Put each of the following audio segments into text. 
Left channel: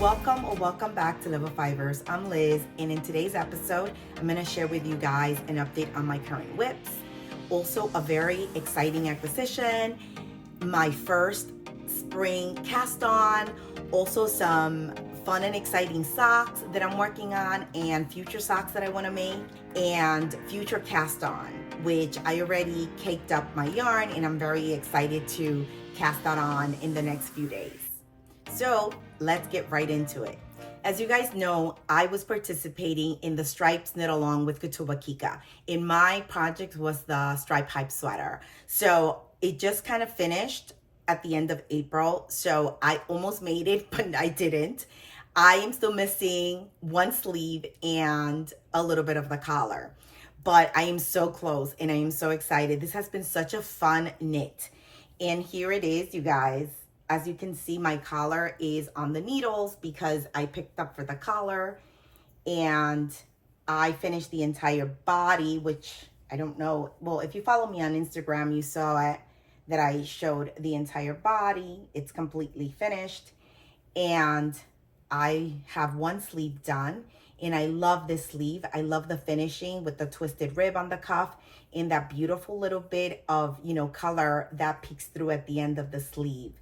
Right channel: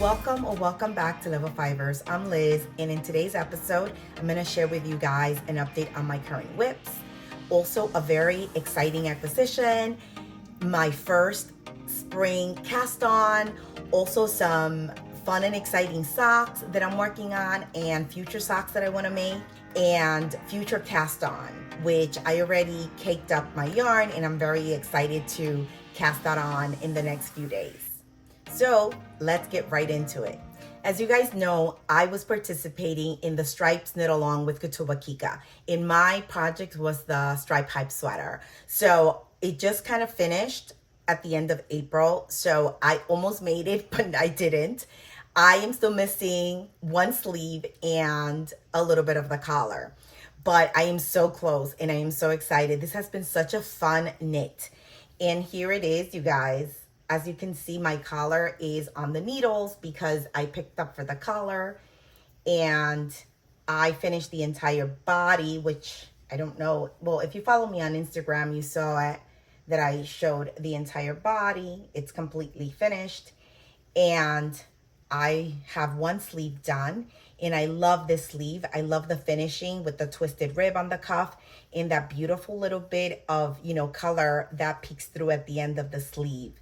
Welcome or welcome back to Level Fivers. I'm Liz, and in today's episode, I'm going to share with you guys an update on my current whips. Also, a very exciting acquisition, my first spring cast on, also some fun and exciting socks that I'm working on, and future socks that I want to make, and future cast on, which I already caked up my yarn, and I'm very excited to cast that on in the next few days. So let's get right into it. As you guys know, I was participating in the Stripes Knit Along with Kutuba Kika. In my project was the Stripe Hype sweater. So it just kind of finished at the end of April. So I almost made it, but I didn't. I am still missing one sleeve and a little bit of the collar. But I am so close and I am so excited. This has been such a fun knit. And here it is, you guys. As you can see, my collar is on the needles because I picked up for the collar, and I finished the entire body, which I don't know. Well, if you follow me on Instagram, you saw it that I showed the entire body. It's completely finished, and I have one sleeve done, and I love this sleeve. I love the finishing with the twisted rib on the cuff and that beautiful little bit of, color that peeks through at the end of the sleeve.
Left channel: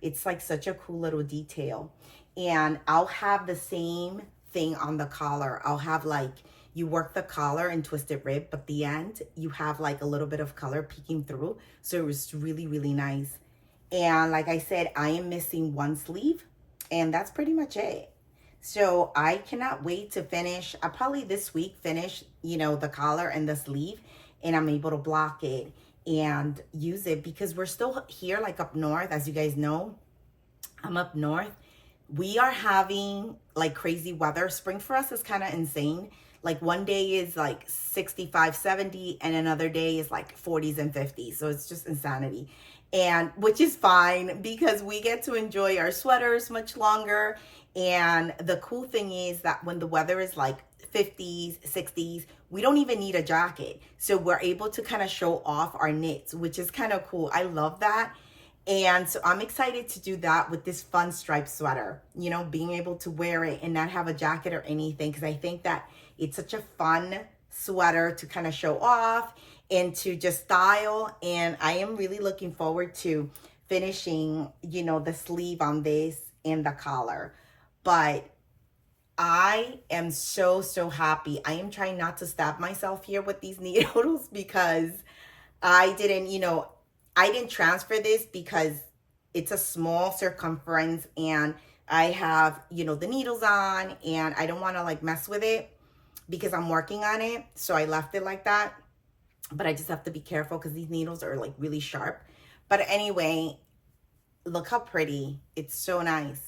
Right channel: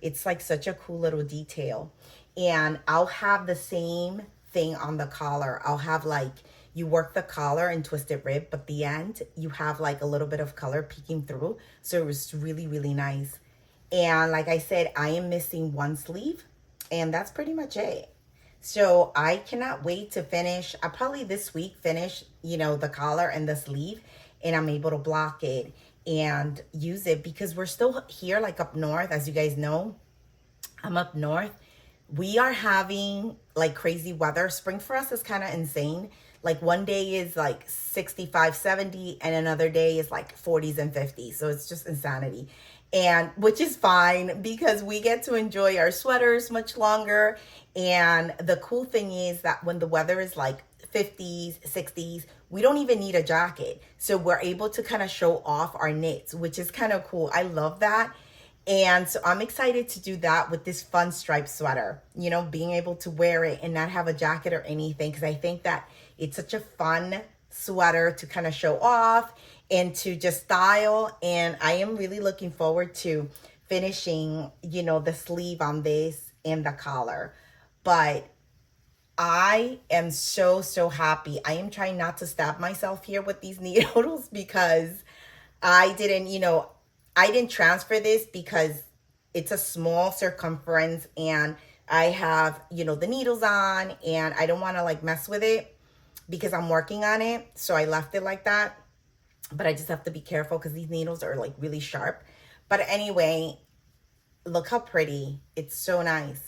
It's like such a cool little detail. And I'll have the same thing on the collar. I'll have like, you work the collar and twisted rib, but the end, you have like a little bit of color peeking through. So it was really, really nice. And like I said, I am missing one sleeve, and that's pretty much it. So I cannot wait to finish. I'll probably this week finish, the collar and the sleeve, and I'm able to block it and use it because we're still here like up north. As you guys know, I'm up north. We are having like crazy weather. Spring for us is kind of insane. Like one day is like 65, 70, and another day is like 40s and 50s. So it's just insanity. And which is fine because we get to enjoy our sweaters much longer. And the cool thing is that when the weather is like 50s, 60s, we don't even need a jacket. So we're able to kind of show off our knits, which is kind of cool. I love that. And so I'm excited to do that with this fun striped sweater, being able to wear it and not have a jacket or anything. Because I think that it's such a fun sweater to kind of show off and to just style. And I am really looking forward to finishing, the sleeve on this and the collar. But I am so happy. I am trying not to stab myself here with these needles because I didn't transfer this because it's a small circumference and I have, the needles on, and I don't want to like mess with it because I'm working on it. So I left it like that, but I just have to be careful because these needles are like really sharp. But anyway, look how pretty. It's so nice.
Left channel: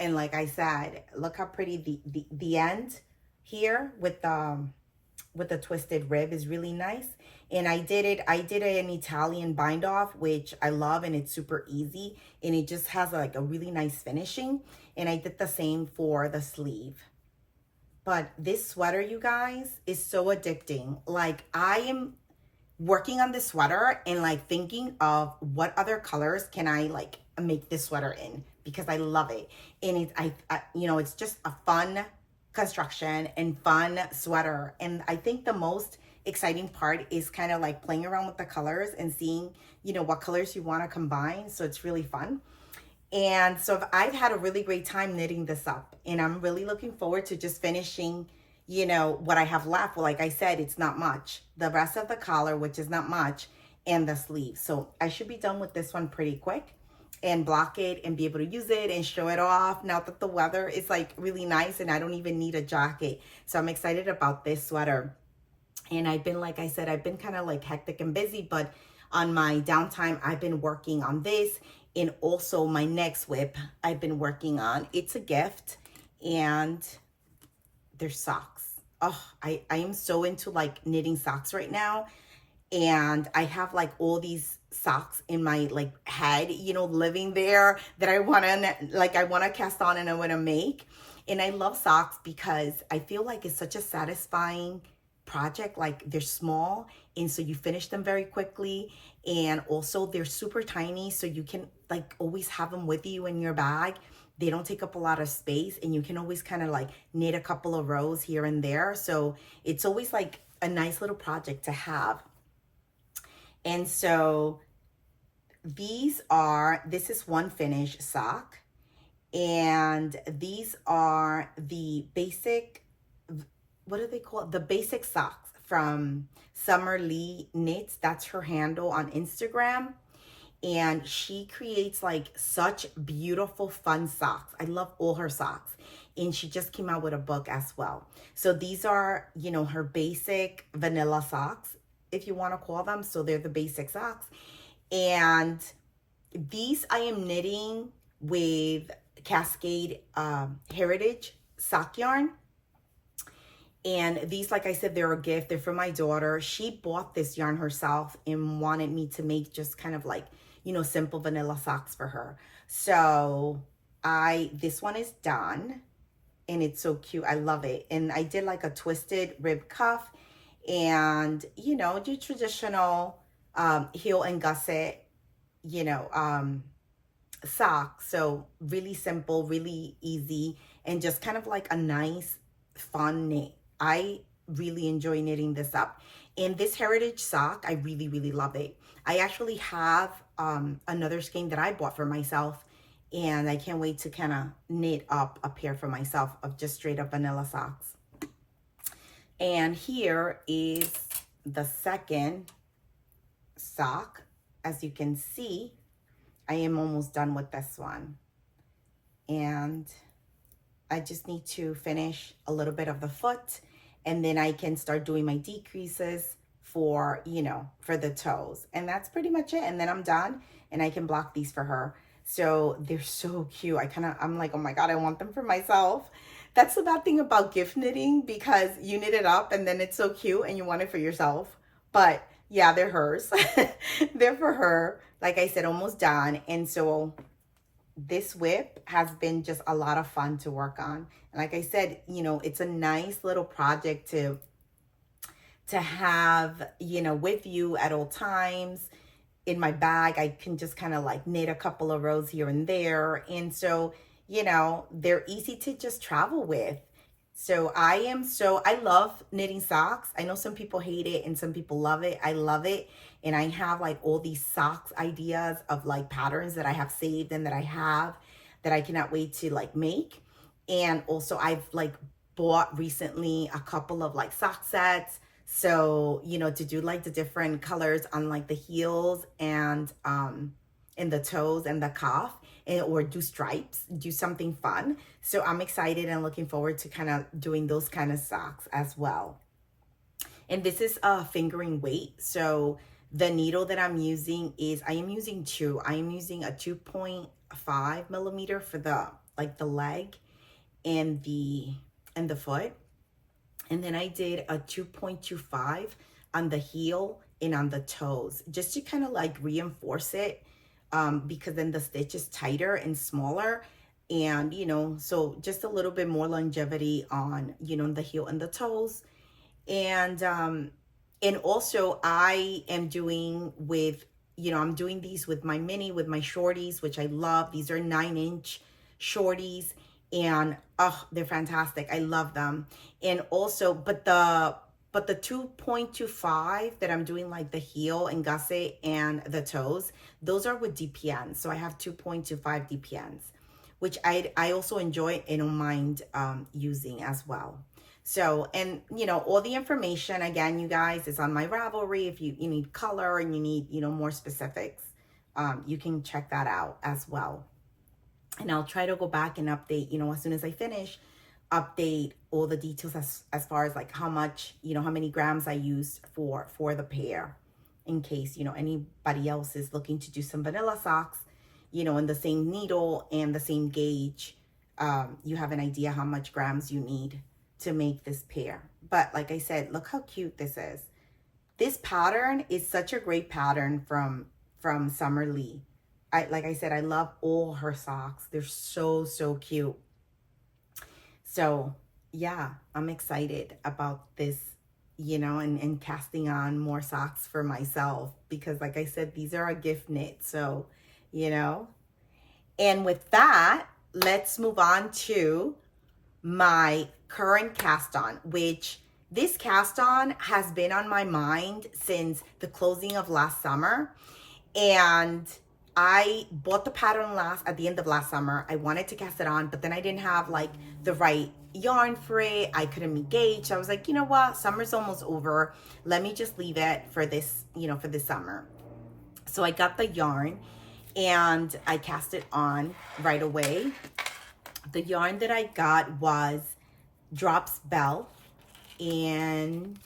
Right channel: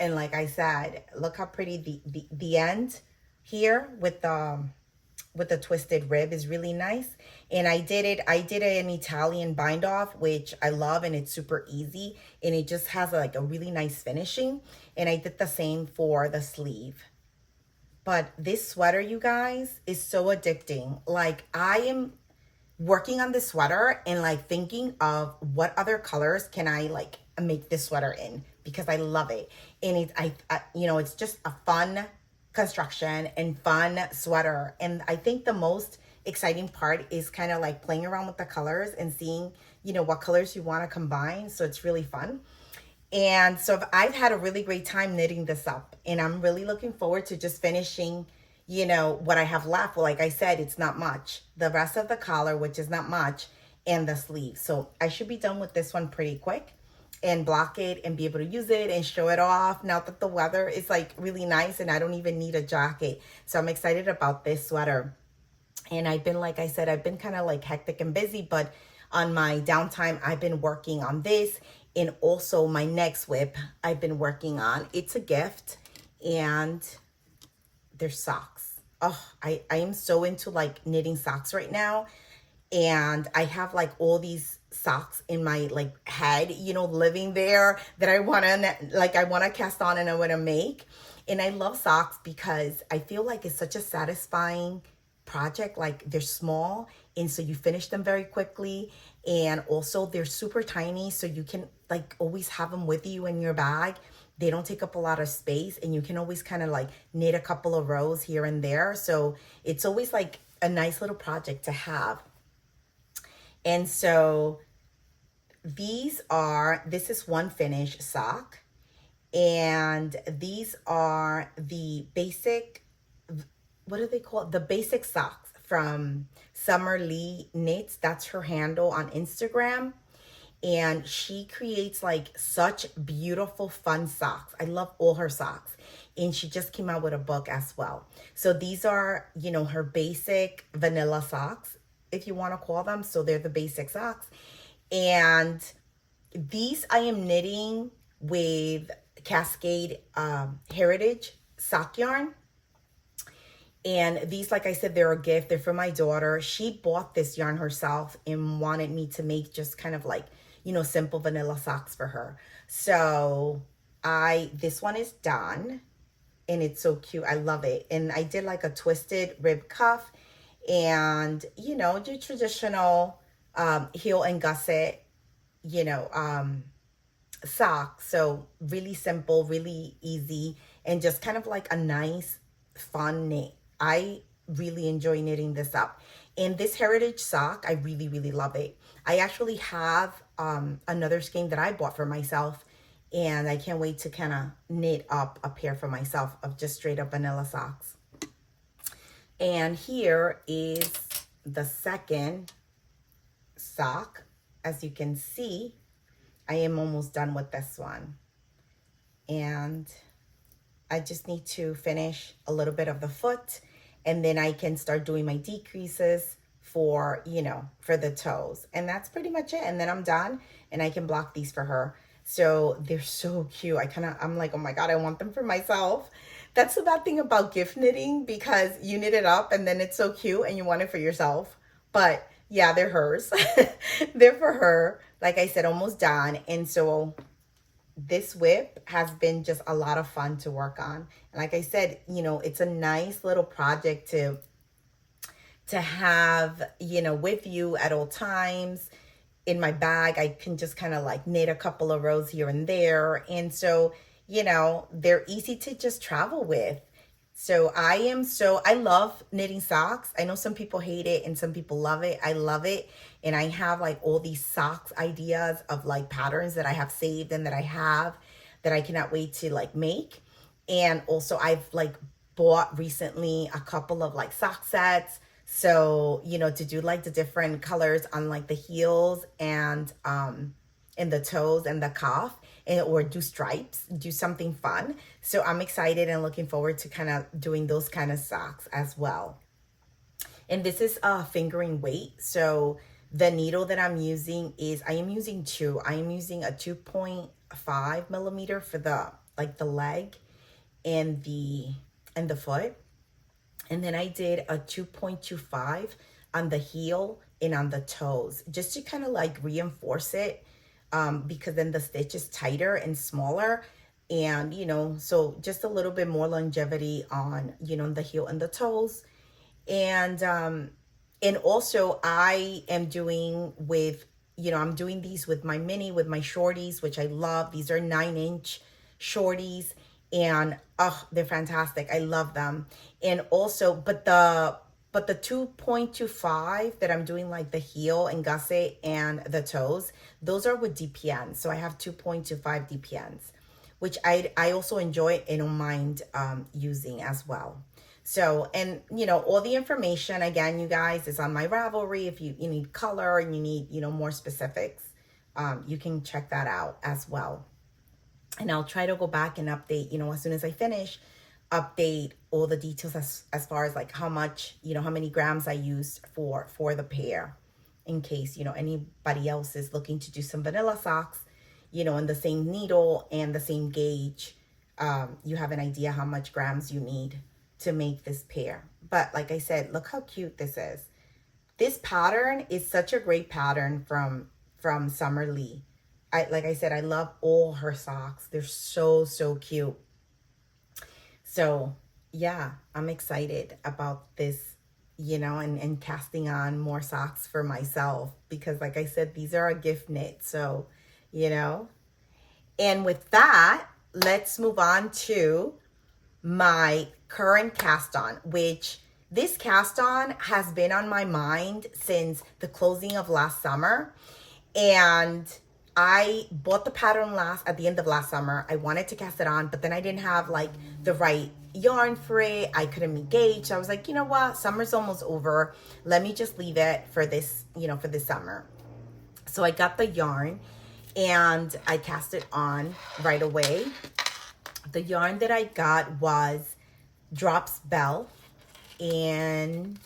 And like I said, look how pretty the end here with the twisted rib is really nice. And I did an Italian bind off, which I love, and it's super easy. And it just has like a really nice finishing. And I did the same for the sleeve. But this sweater, you guys, is so addicting. Like I am working on this sweater and like thinking of what other colors can I like make this sweater in, because I love it. And it's just a fun construction and fun sweater. And I think the most exciting part is kind of like playing around with the colors and seeing, what colors you want to combine. So it's really fun. And so I've had a really great time knitting this up, and I'm really looking forward to just finishing, what I have left. Well, like I said, it's not much. The rest of the collar, which is not much, and the sleeve. So I should be done with this one pretty quick and block it and be able to use it and show it off now that the weather is like really nice and I don't even need a jacket. So I'm excited about this sweater. And I've been, like I said, I've been kind of like hectic and busy, but on my downtime, I've been working on this. And also my next whip I've been working on. It's a gift, and they're socks. Oh, I am so into like knitting socks right now. And I have like all these socks in my like head, living there that I want to cast on and I want to make. And I love socks because I feel like it's such a satisfying project. Like they're small, and so you finish them very quickly, and also they're super tiny, so you can like always have them with you in your bag. They don't take up a lot of space, and you can always kind of like knit a couple of rows here and there. So it's always like a nice little project to have. And so this is one finish sock, and these are the basic, what do they call it? The basic socks from Summer Lee Knits. That's her handle on Instagram. And she creates like such beautiful, fun socks. I love all her socks. And she just came out with a book as well. So these are, you know, her basic vanilla socks, if you want to call them. So they're the basic socks. And these I am knitting with Cascade Heritage sock yarn. And these, like I said, they're a gift. They're for my daughter. She bought this yarn herself and wanted me to make just kind of like, you know, simple vanilla socks for her. So this one is done, and it's so cute. I love it. And I did like a twisted rib cuff, and, you know, your traditional heel and gusset, you know, sock. So really simple, really easy, and just kind of like a nice, fun knit. I really enjoy knitting this up. And this heritage sock, I really, really love it. I actually have another skein that I bought for myself, and I can't wait to kind of knit up a pair for myself of just straight up vanilla socks. And here is the second sock. As you can see, I am almost done with this one. And I just need to finish a little bit of the foot, and then I can start doing my decreases for, you know, for the toes. And that's pretty much it. And then I'm done, and I can block these for her. So they're so cute. I'm like, oh my God, I want them for myself. That's the bad thing about gift knitting, because you knit it up and then it's so cute and you want it for yourself. But yeah, they're hers. They're for her. Like I said, almost done. And so this whip has been just a lot of fun to work on. And like I said, you know, it's a nice little project to have, you know, with you at all times. In my bag, I can just kind of like knit a couple of rows here and there. And so, you know, they're easy to just travel with. So I love knitting socks. I know some people hate it and some people love it. I love it. And I have like all these socks ideas of like patterns that I have saved and that I cannot wait to like make. And also I've like bought recently a couple of like sock sets. So, you know, to do like the different colors on like the heels and the toes and the cuff, or do stripes, do something fun. So I'm excited and looking forward to kind of doing those kind of socks as well. And this is a fingering weight. So the needle that I'm using I am using a 2.5 millimeter for the leg and the foot. And then I did a 2.25 on the heel and on the toes, just to kind of like reinforce it, because then the stitch is tighter and smaller. And, you know, so just a little bit more longevity on, you know, the heel and the toes. And also I am doing I'm doing these with my with my shorties, which I love. These are 9-inch shorties, and they're fantastic. I love them. And also, but the 2.25 that I'm doing like the heel and gusset and the toes, those are with DPNs. So I have 2.25 DPNs, which I also enjoy and don't mind using as well. So, and you know, all the information again, you guys, is on my Ravelry. If you need color and you need, you know, more specifics, you can check that out as well. And I'll try to go back and update, you know, as soon as I finish, update all the details as far as like how much, you know, how many grams I used for the pair, in case, you know, anybody else is looking to do some vanilla socks, you know, in the same needle and the same gauge. You have an idea how much grams you need to make this pair. But like I said, look how cute this is. This pattern is such a great pattern from Summer Lee. Like I said, I love all her socks. They're so, so cute. So yeah, I'm excited about this, you know, and casting on more socks for myself, because like I said, these are a gift knit. So, you know, And with that, let's move on to my current cast on, which this cast on has been on my mind since the closing of last summer. And I bought the pattern at the end of last summer. I wanted to cast it on, but then I didn't have like the right yarn for it. I couldn't engage. So I was like, you know what? Summer's almost over. Let me just leave it for this, for this summer. So I got the yarn and I cast it on right away. The yarn that I got was Drops Bell. And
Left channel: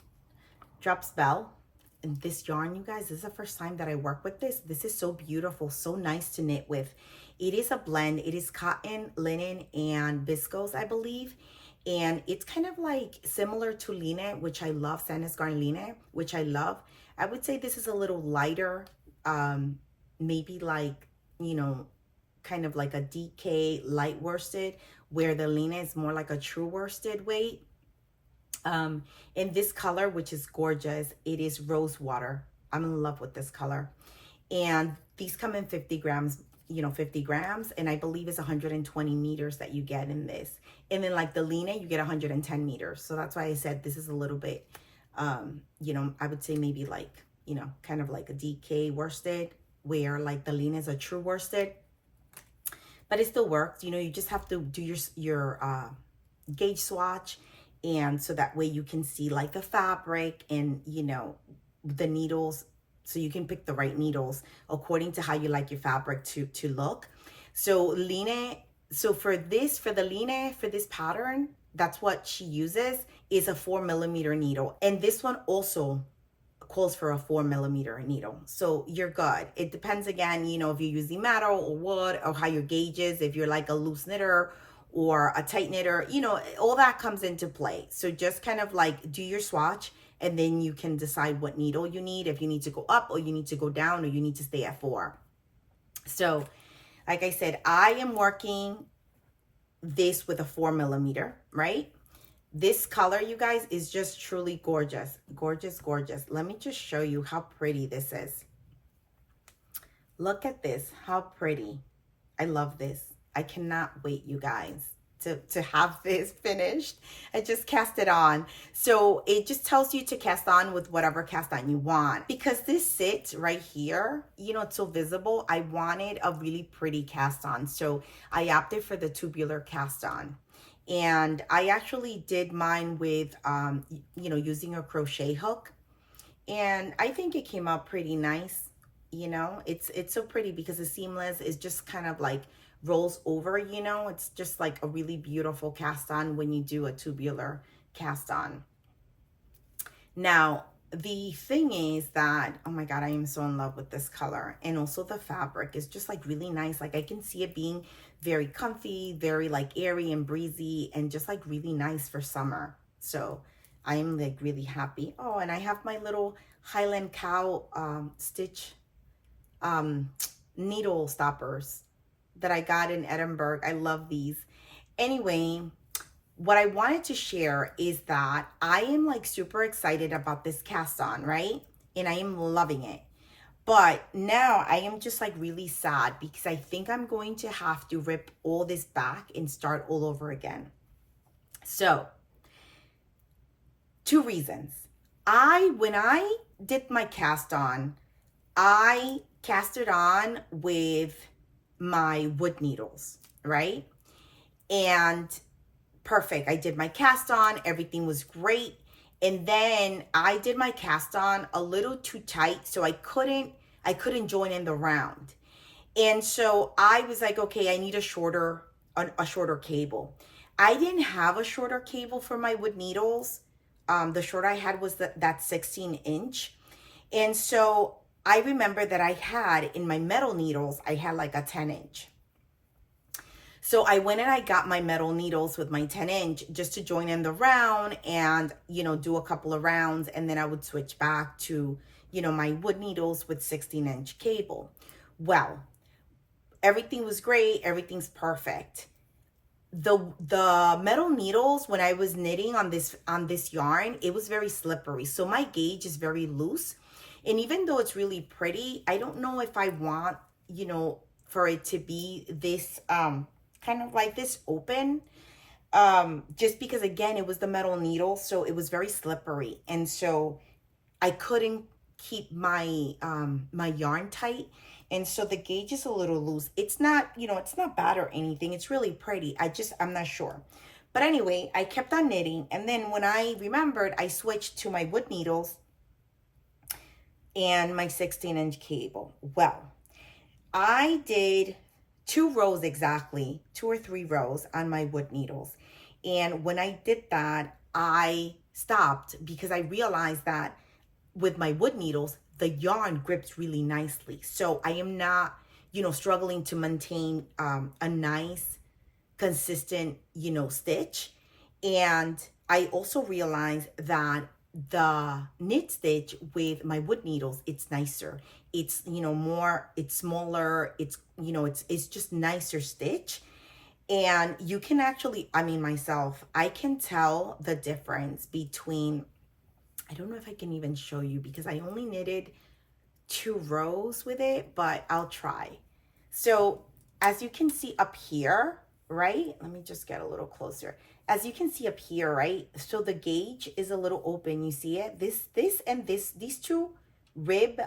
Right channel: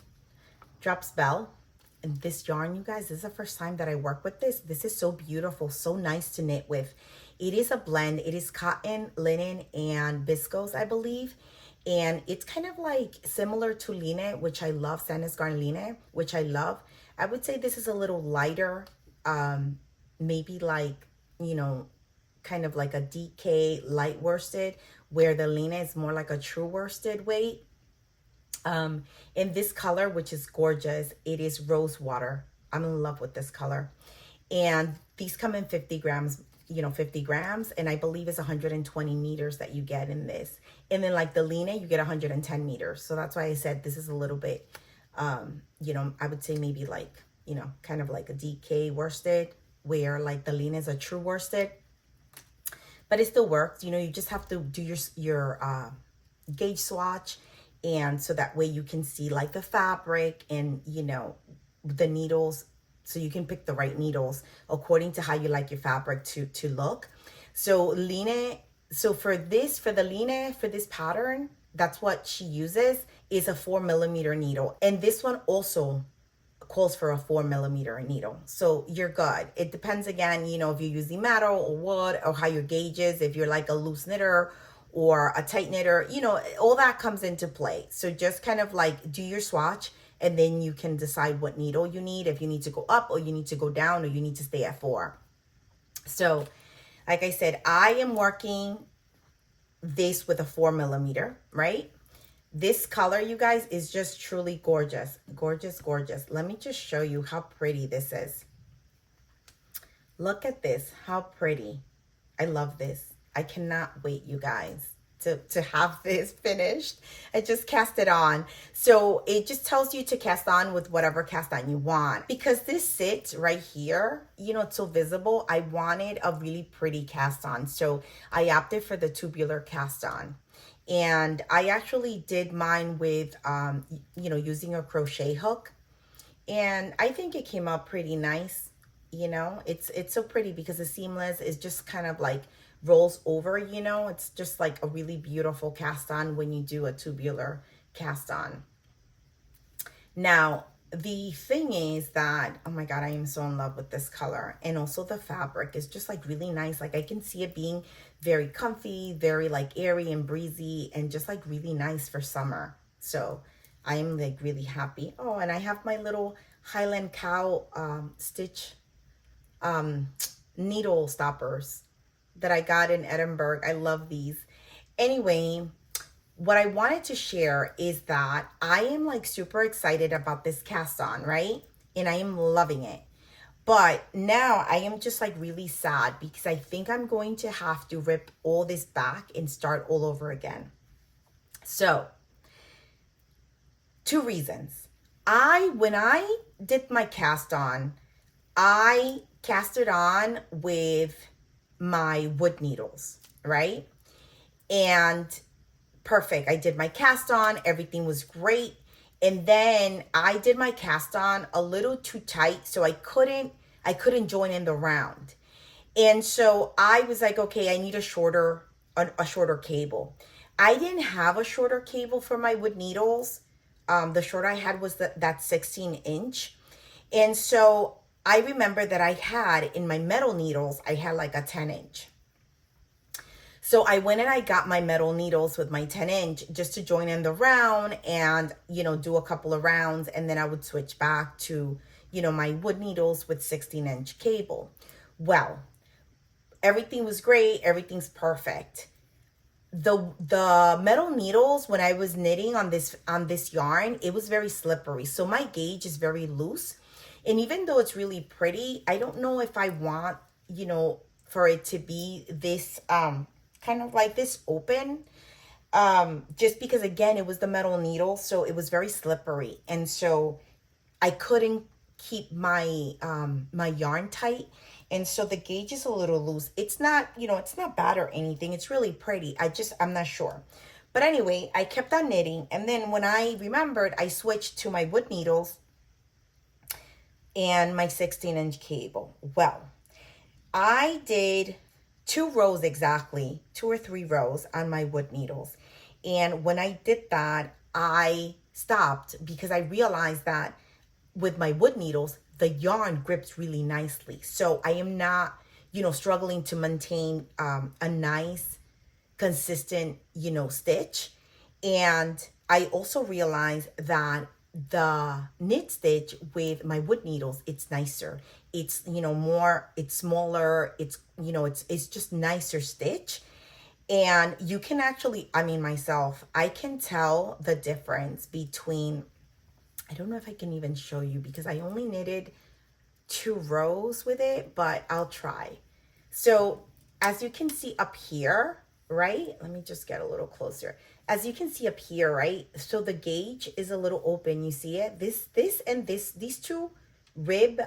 this yarn, you guys, this is the first time that I work with this. This is so beautiful, so nice to knit with. It is a blend. It is cotton, linen, and viscose, I believe. And it's kind of like similar to line, which I love, Sandnes Garn line, which I love. I would say this is a little lighter, maybe like, kind of like a DK light worsted, where the line is more like a true worsted weight. In this color, which is gorgeous, it is rose water. I'm in love with this color. And these come in 50 grams, 50 grams. And I believe it's 120 meters that you get in this. And then like the line, you get 110 meters. So that's why I said this is a little bit, I would say maybe like, kind of like a DK worsted, where like the line is a true worsted. But it still works. You just have to do your gauge swatch. And so that way you can see like the fabric and, the needles. So you can pick the right needles according to how you like your fabric to look. So for this pattern, that's what she uses, is a 4mm needle. And this one also calls for a 4mm needle. So you're good. It depends again, if you're using metal or wood, or how your gauge is, if you're like a loose knitter or a tight knitter, all that comes into play. So just kind of like do your swatch, and then you can decide what needle you need, if you need to go up or you need to go down or you need to stay at 4. So like I said, I am working this with a 4mm, right? This color, you guys, is just truly gorgeous. Gorgeous, gorgeous. Let me just show you how pretty this is. Look at this, how pretty. I love this. I cannot wait, you guys, to have this finished. I just cast it on. So it just tells you to cast on with whatever cast on you want. Because this sits right here, it's so visible. I wanted a really pretty cast on. So I opted for the tubular cast on. And I actually did mine with, using a crochet hook. And I think it came out pretty nice. It's so pretty because the seamless is just kind of like rolls over, it's just like a really beautiful cast on when you do a tubular cast on. Now, the thing is that, oh my God, I am so in love with this color. And also the fabric is just like really nice. Like I can see it being very comfy, very like airy and breezy, and just like really nice for summer. So I am like really happy. Oh, and I have my little Highland Cow stitch needle stoppers that I got in Edinburgh. I love these. Anyway, what I wanted to share is that I am like super excited about this cast on, right? And I am loving it. But now I am just like really sad because I think I'm going to have to rip all this back and start all over again. So, 2 reasons. When I did my cast on, I cast it on with my wood needles, right? And perfect. I did my cast on, everything was great. And then I did my cast on a little too tight, so I couldn't join in the round. And so I was like, okay, I need a shorter cable. I didn't have a shorter cable for my wood needles. The short I had was that 16-inch. And so I remember that I had in my metal needles, I had like a 10-inch. So I went and I got my metal needles with my 10-inch just to join in the round and, do a couple of rounds. And then I would switch back to, my wood needles with 16-inch cable. Well, everything was great. Everything's perfect. The metal needles, when I was knitting on this yarn, it was very slippery. So my gauge is very loose. And even though it's really pretty, I don't know if I want, for it to be this kind of like this open, just because again it was the metal needle, so it was very slippery, and so I couldn't keep my my yarn tight, and so the gauge is a little loose. It's not, you know, it's not bad or anything. It's really pretty. I'm not sure. But anyway, I kept on knitting, and then when I remembered, I switched to my wood needles and my 16-inch cable. Well, I did 2 rows exactly, 2 or 3 rows on my wood needles. And when I did that, I stopped because I realized that with my wood needles, the yarn grips really nicely. So I am not, you know, struggling to maintain a nice, consistent, you know, stitch. And I also realized that the knit stitch with my wood needles, it's nicer. It's, you know, more, it's smaller. It's, you know, it's just nicer stitch. And you can actually, I mean, myself, I can tell the difference between, I don't know if I can even show you because I only knitted 2 rows with it, but I'll try. So as you can see up here, right? Let me just get a little closer. As you can see up here, right? So the gauge is a little open. You see it? These 2 rib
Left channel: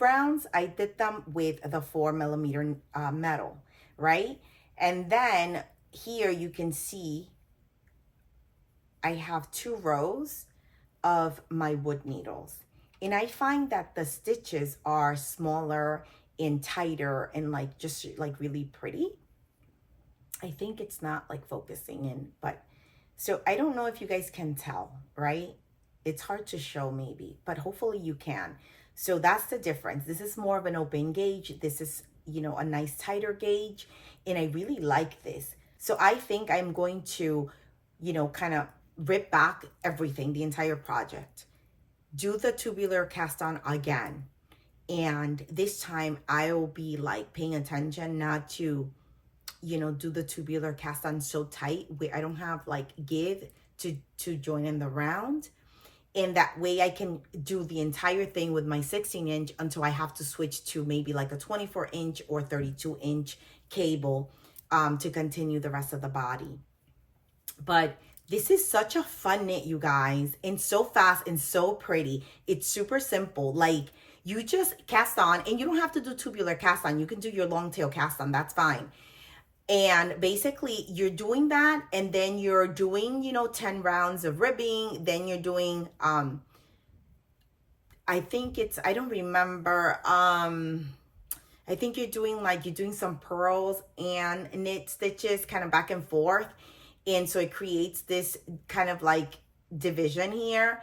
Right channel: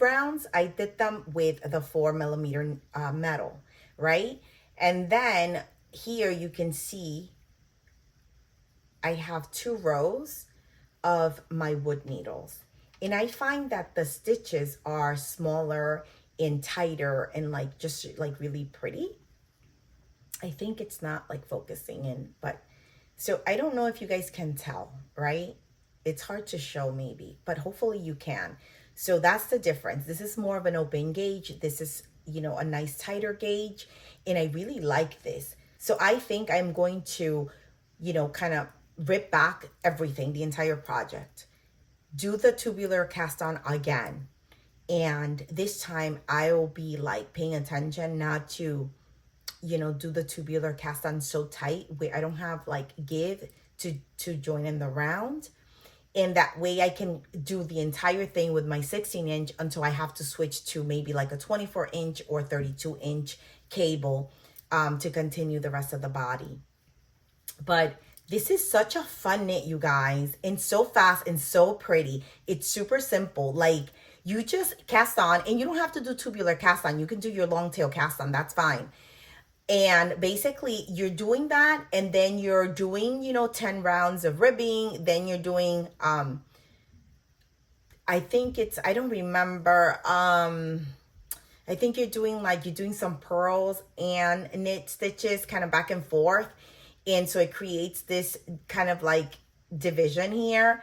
rounds, I did them with the 4mm metal, right? And then here you can see I have 2 rows of my wood needles. And I find that the stitches are smaller and tighter and like just like really pretty. I think it's not like focusing in, but so I don't know if you guys can tell, right? It's hard to show maybe, but hopefully you can. So that's the difference. This is more of an open gauge. This is, you know, a nice tighter gauge. And I really like this. So I think I'm going to, you know, kind of rip back everything, the entire project, do the tubular cast on again. And this time I'll be like paying attention not to, you know, do the tubular cast on so tight where I don't have like give to join in the round. And that way I can do the entire thing with my 16-inch until I have to switch to maybe like a 24-inch or 32-inch cable to continue the rest of the body. But this is such a fun knit, you guys, and so fast and so pretty. It's super simple. Like, you just cast on, and you don't have to do tubular cast on. You can do your long tail cast on. That's fine. And basically, you're doing that, and then you're doing, you know, 10 rounds of ribbing. Then you're doing, I think it's, I don't remember, I think you're doing some pearls and knit stitches kind of back and forth. And so it creates this kind of like division here.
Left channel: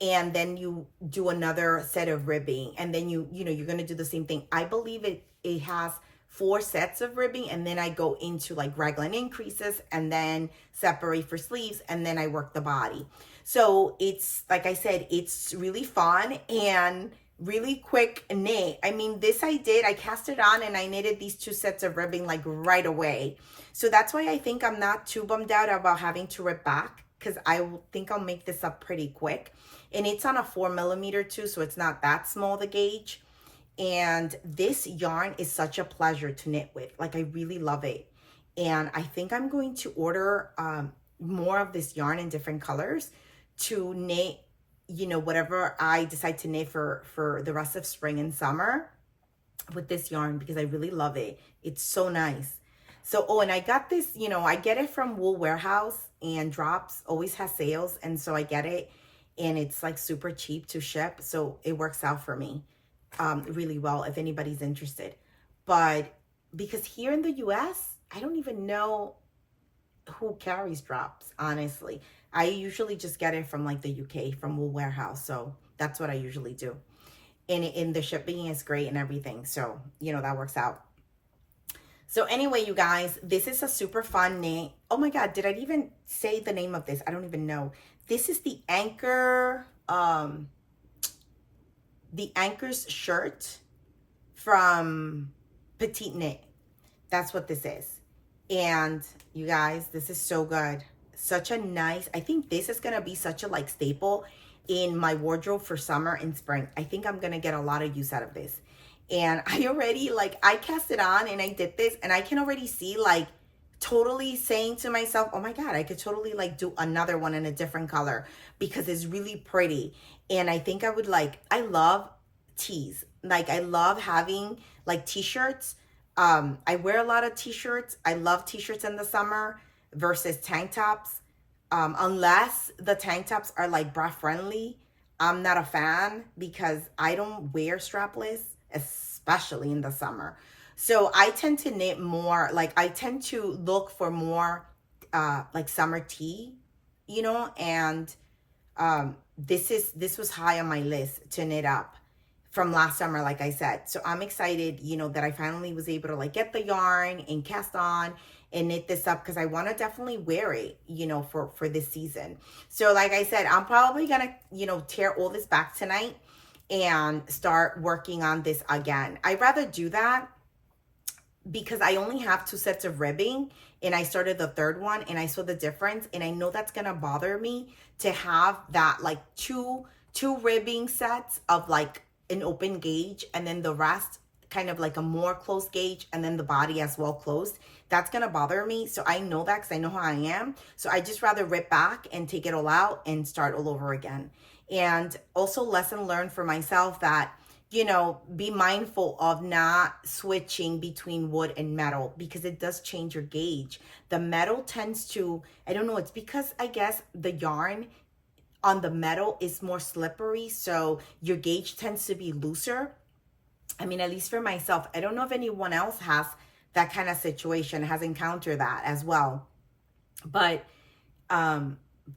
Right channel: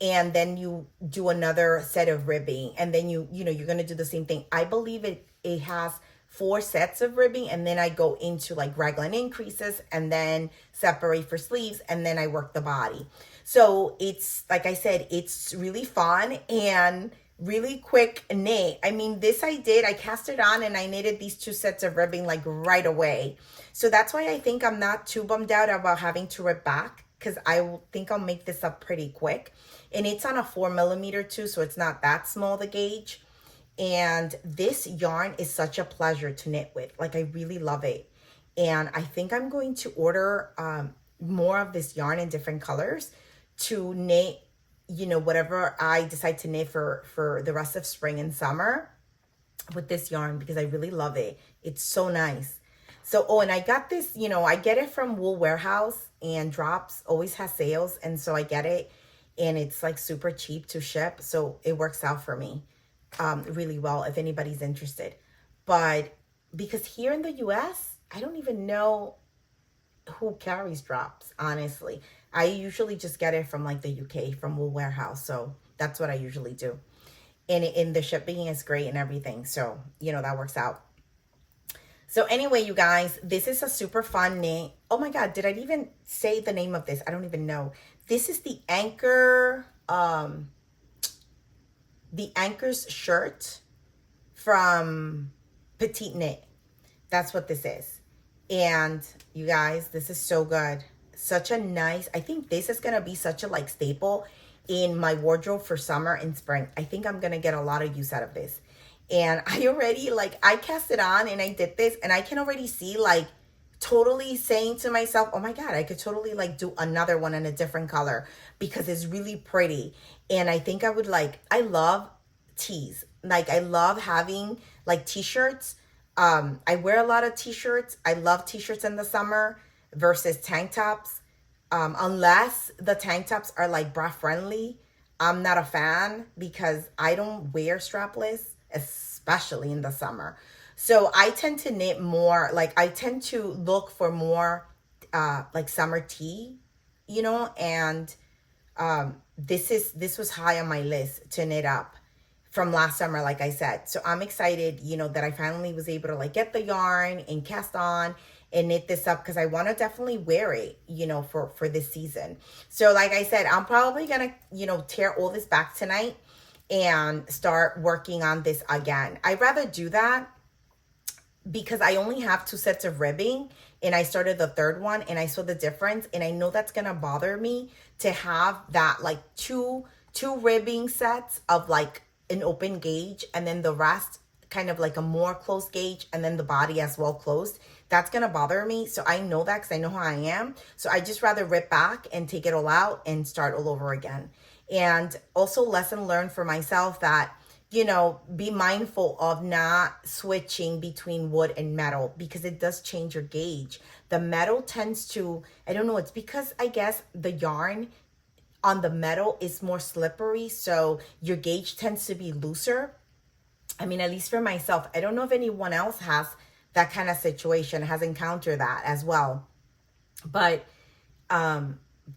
And then you do another set of ribbing. And then you know, you're going to do the same thing. I believe it has 4 sets of ribbing. And then I go into like raglan increases and then separate for sleeves. And then I work the body. So it's, like I said, it's really fun and really quick knit. I mean, this I cast it on and I knitted these 2 sets of ribbing like right away. So that's why I think I'm not too bummed out about having to rip back, because I think I'll make this up pretty quick. And it's on a 4mm too, so it's not that small, the gauge. And this yarn is such a pleasure to knit with. Like, I really love it. And I think I'm going to order more of this yarn in different colors to knit, you know, whatever I decide to knit for the rest of spring and summer with this yarn, because I really love it. It's so nice. So, oh, and I got this, you know, I get it from Wool Warehouse, and Drops always has sales. And so I get it, and it's like super cheap to ship. So it works out for me really well if anybody's interested. But because here in the US, I don't even know who carries Drops, honestly. I usually just get it from like the UK, from Wool Warehouse. So that's what I usually do. And the shipping is great and everything. So, you know, that works out. So anyway, you guys, this is a super fun knit. Oh my God, did I even say the name of this? I don't even know. This is the Anker, the Anker's shirt from PetiteKnit. That's what this is. And you guys, this is so good. Such a nice, I think this is going to be such a like staple in my wardrobe for summer and spring. I think I'm going to get a lot of use out of this. And I already, like, I cast it on and I did this, and I can already see, like, totally saying to myself, oh my God, I could totally like do another one in a different color because it's really pretty. And I think I would like, I love tees. Like, I love having like t-shirts. I wear a lot of t-shirts. I love t-shirts in the summer versus tank tops. Unless the tank tops are like bra friendly, I'm not a fan because I don't wear strapless, especially in the summer. So I tend to knit more, like I tend to look for more like summer tee, you know, and this was high on my list to knit up from last summer, like I said. So I'm excited, you know, that I finally was able to like get the yarn and cast on and knit this up because I want to definitely wear it, you know, for this season. So like I said, I'm probably gonna, you know, tear all this back tonight and start working on this again. I'd rather do that because I only have 2 sets of ribbing and I started the third one and I saw the difference, and I know that's gonna bother me to have that like two ribbing sets of like an open gauge and then the rest kind of like a more closed gauge and then the body as well closed. That's gonna bother me. So I know that because I know how I am. So I just rather rip back and take it all out and start all over again. And also lesson learned for myself that, you know, be mindful of not switching between wood and metal because it does change your gauge. The metal tends to, I don't know, it's because I guess the yarn on the metal is more slippery, so your gauge tends to be looser. I mean, at least for myself. I don't know if anyone else has that kind of situation, has encountered that as well. But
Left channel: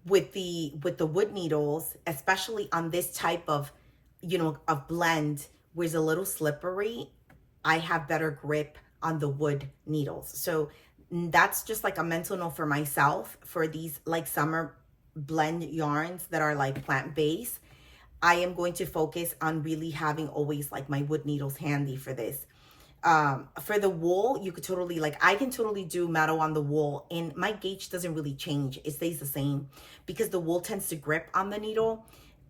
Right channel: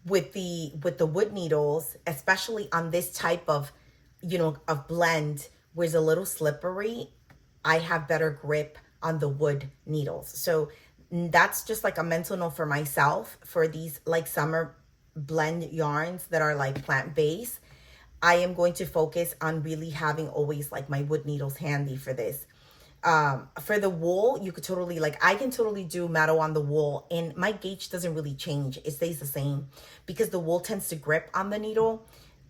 with the wood needles, especially on this type of, you know, of blend where it's a little slippery, I have better grip on the wood needles. So that's just like a mental note for myself for these like summer blend yarns that are like plant-based. I am going to focus on really having always like my wood needles handy for this. For the wool, you could totally, like, I can totally do metal on the wool and my gauge doesn't really change. It stays the same because the wool tends to grip on the needle.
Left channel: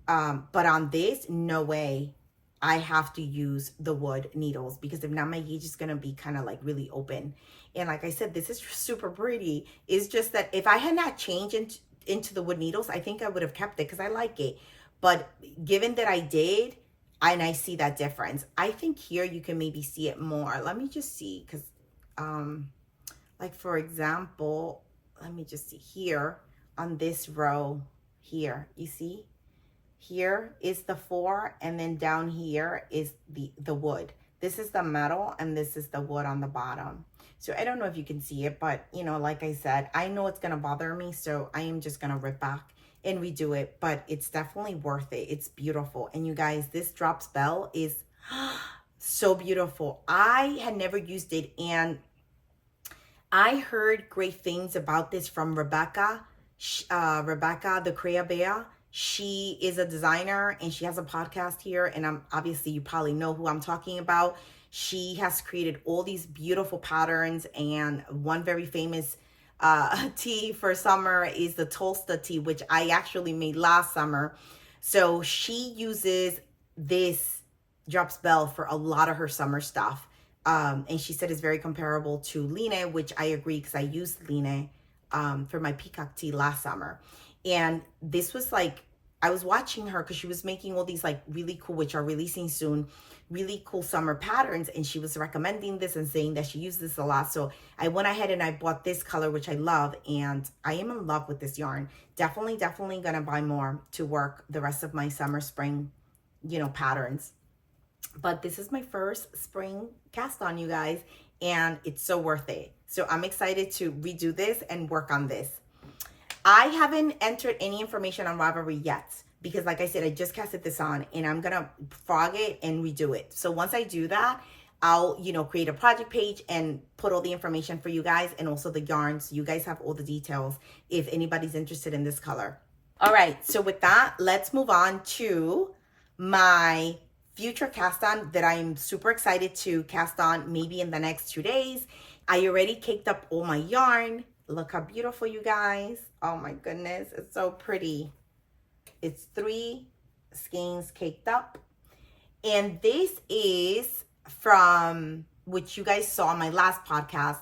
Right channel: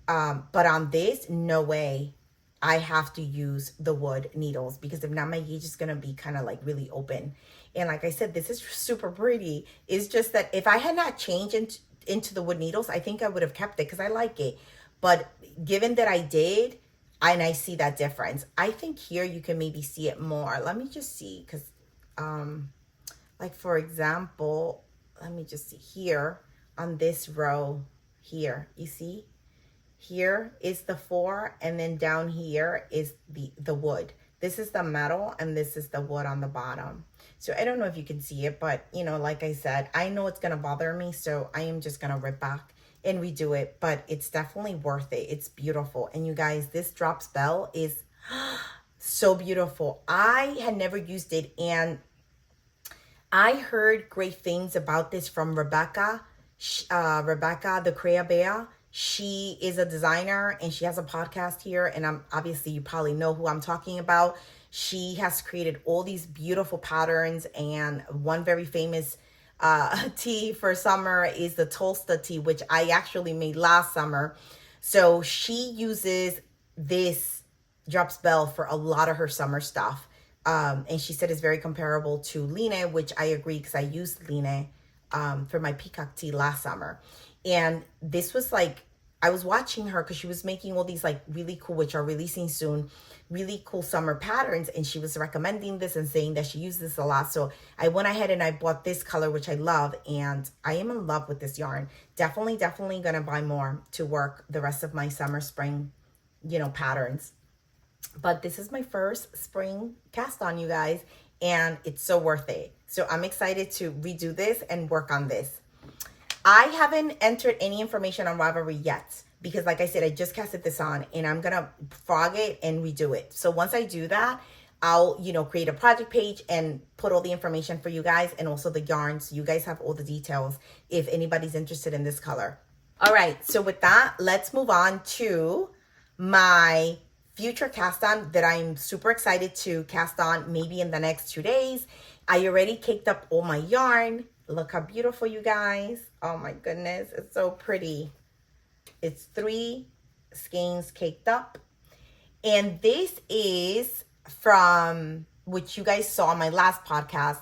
But on this, no way. I have to use the wood needles because if not, my gauge is going to be kind of like really open. And like I said, this is super pretty. It's just that if I had not changed into the wood needles, I think I would have kept it because I like it. But given that I did, and I see that difference, I think here you can maybe see it more. Let me just see, because like for example, let me just see here on this row here, you see? Here is the 4, and then down here is the wood. This is the metal, and this is the wood on the bottom. So I don't know if you can see it, but you know, like I said, I know it's gonna bother me, so I am just gonna rip back and redo it, but it's definitely worth it. It's beautiful. And you guys, this drops bell is so beautiful. I had never used it, and I heard great things about this from Rebecca, Rebecca the Crea Bear. She is a designer and she has a podcast here, and obviously you probably know who I'm talking about. She has created all these beautiful patterns, and one very famous tea for summer is the Tolsta tea, which I actually made last summer. So she uses this drops bell for a lot of her summer stuff. And she said it's very comparable to Line, which I agree because I used Line for my peacock tea last summer. And this was like, I was watching her because she was making all these like really cool, which are releasing soon, really cool summer patterns. And she was recommending this and saying that she used this a lot. So I went ahead and I bought this color, which I love. And I am in love with this yarn. Definitely going to buy more to work the rest of my summer, spring, you know, patterns. But this is my first spring cast on, you guys. And it's so worth it. So I'm excited to redo this and work on this. I haven't entered any information on Ravelry yet because, like I said, I just casted this on and I'm going to frog it and redo it. So once I do that, I'll, you know, create a project page and put all the information for you guys and also the yarns. You guys have all the details if anybody's interested in this color. All right. So with that, let's move on to my future cast on that I'm super excited to cast on maybe in the next 2 days. I already caked up all my yarn. Look how beautiful, you guys. Oh my goodness, it's so pretty. It's 3 skeins caked up. And this is from, which you guys saw on my last podcast.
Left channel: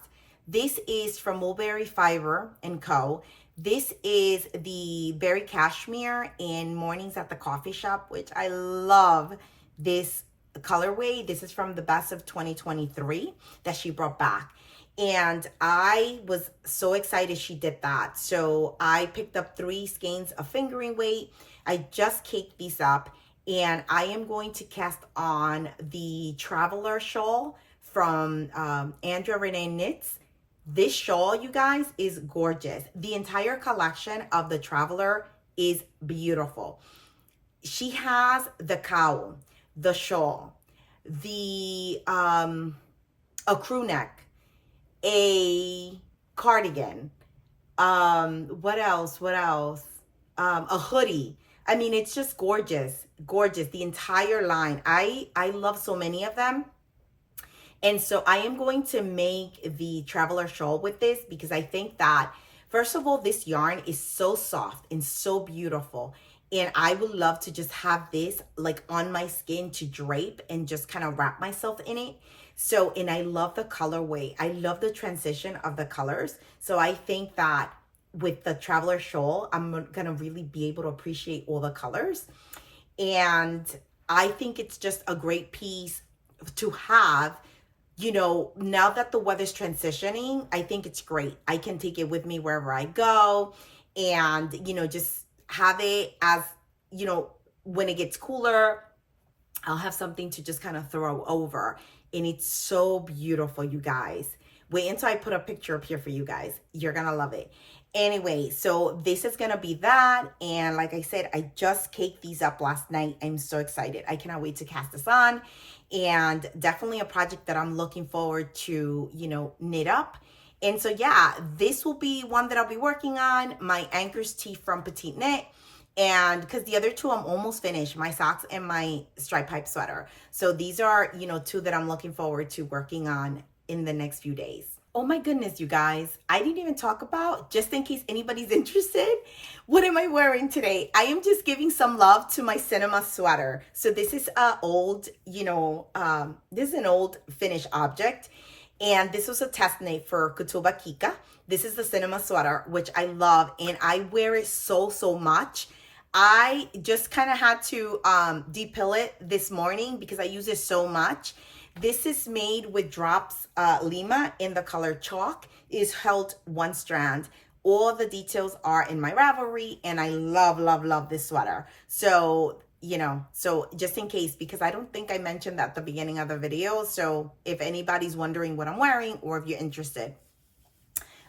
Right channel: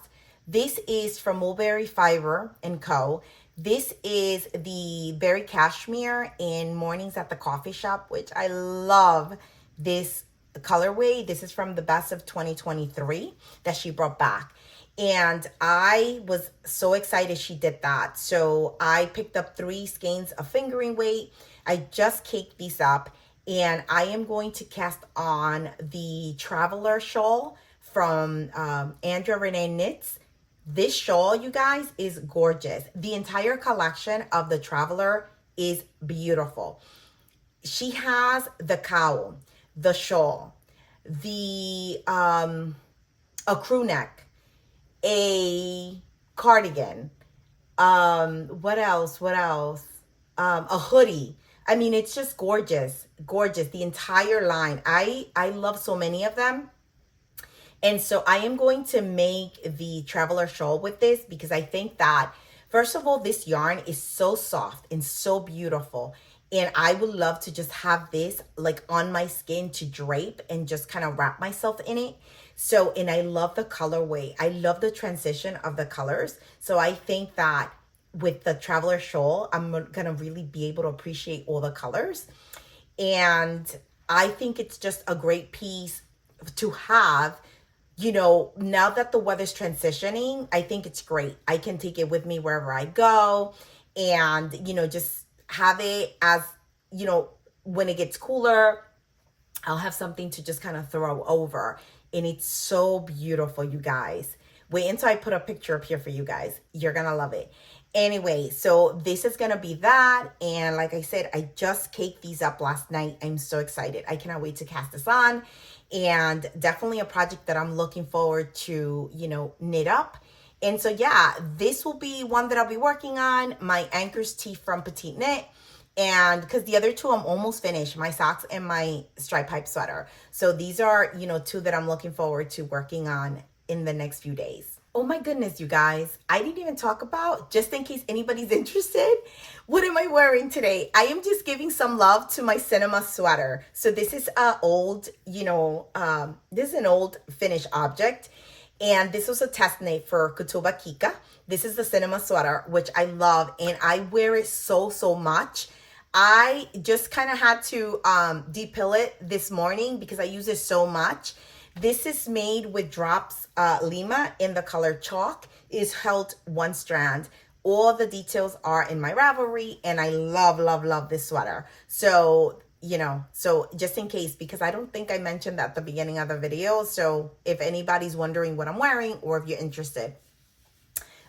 This is from Mulberry Fiber and Co. This is the Berry Cashmere in Mornings at the Coffee Shop, which I love this colorway. This is from the best of 2023 that she brought back. And I was so excited she did that. So I picked up 3 skeins of fingering weight. I just caked these up. And I am going to cast on the Traveler Shawl from Andrea Renee Knits. This shawl, you guys, is gorgeous. The entire collection of the Traveler is beautiful. She has the cowl, the shawl, the a crew neck, a cardigan, what else? A hoodie. I mean, it's just gorgeous, the entire line. I love so many of them. And so I am going to make the Traveler Shawl with this because I think that, first of all, this yarn is so soft and so beautiful. And I would love to just have this like on my skin to drape and just kind of wrap myself in it. So, and I love the colorway. I love the transition of the colors. So I think that with the Traveler Shawl, I'm going to really be able to appreciate all the colors. And I think it's just a great piece to have. You know, now that the weather's transitioning, I think it's great. I can take it with me wherever I go and, you know, just have it as, you know, when it gets cooler, I'll have something to just kind of throw over. And it's so beautiful, you guys. Wait until I put a picture up here for you guys. You're going to love it. Anyway, so this is going to be that. And like I said, I just caked these up last night. I'm so excited. I cannot wait to cast this on. And definitely a project that I'm looking forward to, you know, knit up. And so, yeah, this will be one that I'll be working on. My Anker's tee from PetiteKnit. And because the other 2, I'm almost finished, my socks and my stripe pipe sweater. So these are, you know, 2 that I'm looking forward to working on in the next few days. Oh my goodness, you guys, I didn't even talk about, just in case anybody's interested, what am I wearing today? I am just giving some love to my cinema sweater. So this is an old, you know, this is an old finished object. And this was a test knit for Kutuba Kika. This is the cinema sweater, which I love. And I wear it so much. I just kind of had to depill it this morning because I use it so much. This is made with drops Lima in the color chalk. It is held 1 strand. All the details are in my Ravelry, and I love this sweater. So, you know, so just in case, because I don't think I mentioned that at the beginning of the video. So if anybody's wondering what I'm wearing or if you're interested.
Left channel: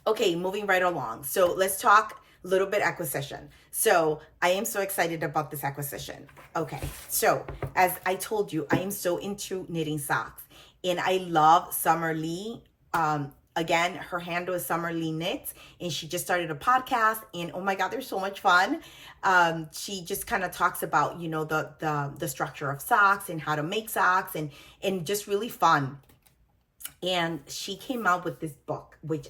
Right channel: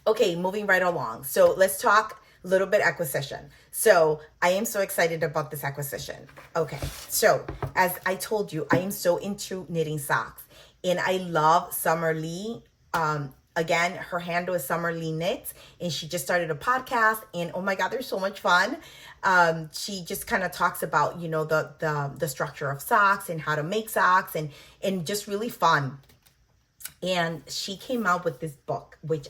Okay, moving right along. So let's talk a little bit acquisition. So I am so excited about this acquisition. Okay, so as I told you, I am so into knitting socks, and I love Summer Lee. Again, her handle is Summer Lee Knits, and she just started a podcast, and oh my God, they're so much fun. She just kind of talks about, you know, the structure of socks and how to make socks, and just really fun. And she came out with this book, which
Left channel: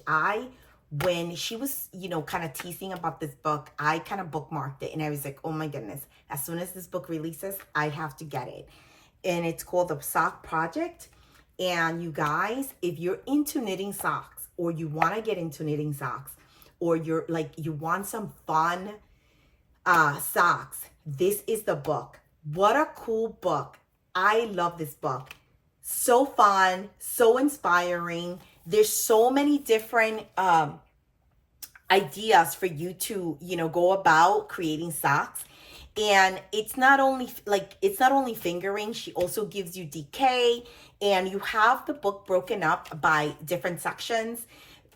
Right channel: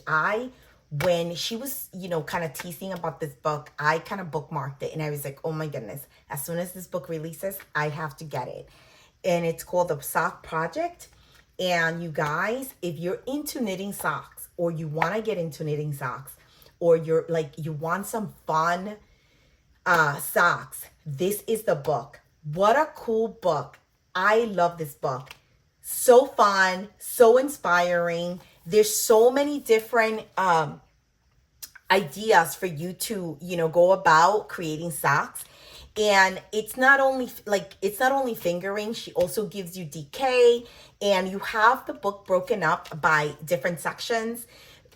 when she was, you know, kind of teasing about this book, I kind of bookmarked it. And I was like, oh my goodness, as soon as this book releases, I have to get it. And it's called the Socl Project. And you guys, if you're into knitting socks, or you want to get into knitting socks, or you're like, you want some fun socks, this is the book. What a cool book. I love this book. So fun, so inspiring. There's so many different ideas for you to, you know, go about creating socks. And it's not only fingering, she also gives you DK, and you have the book broken up by different sections,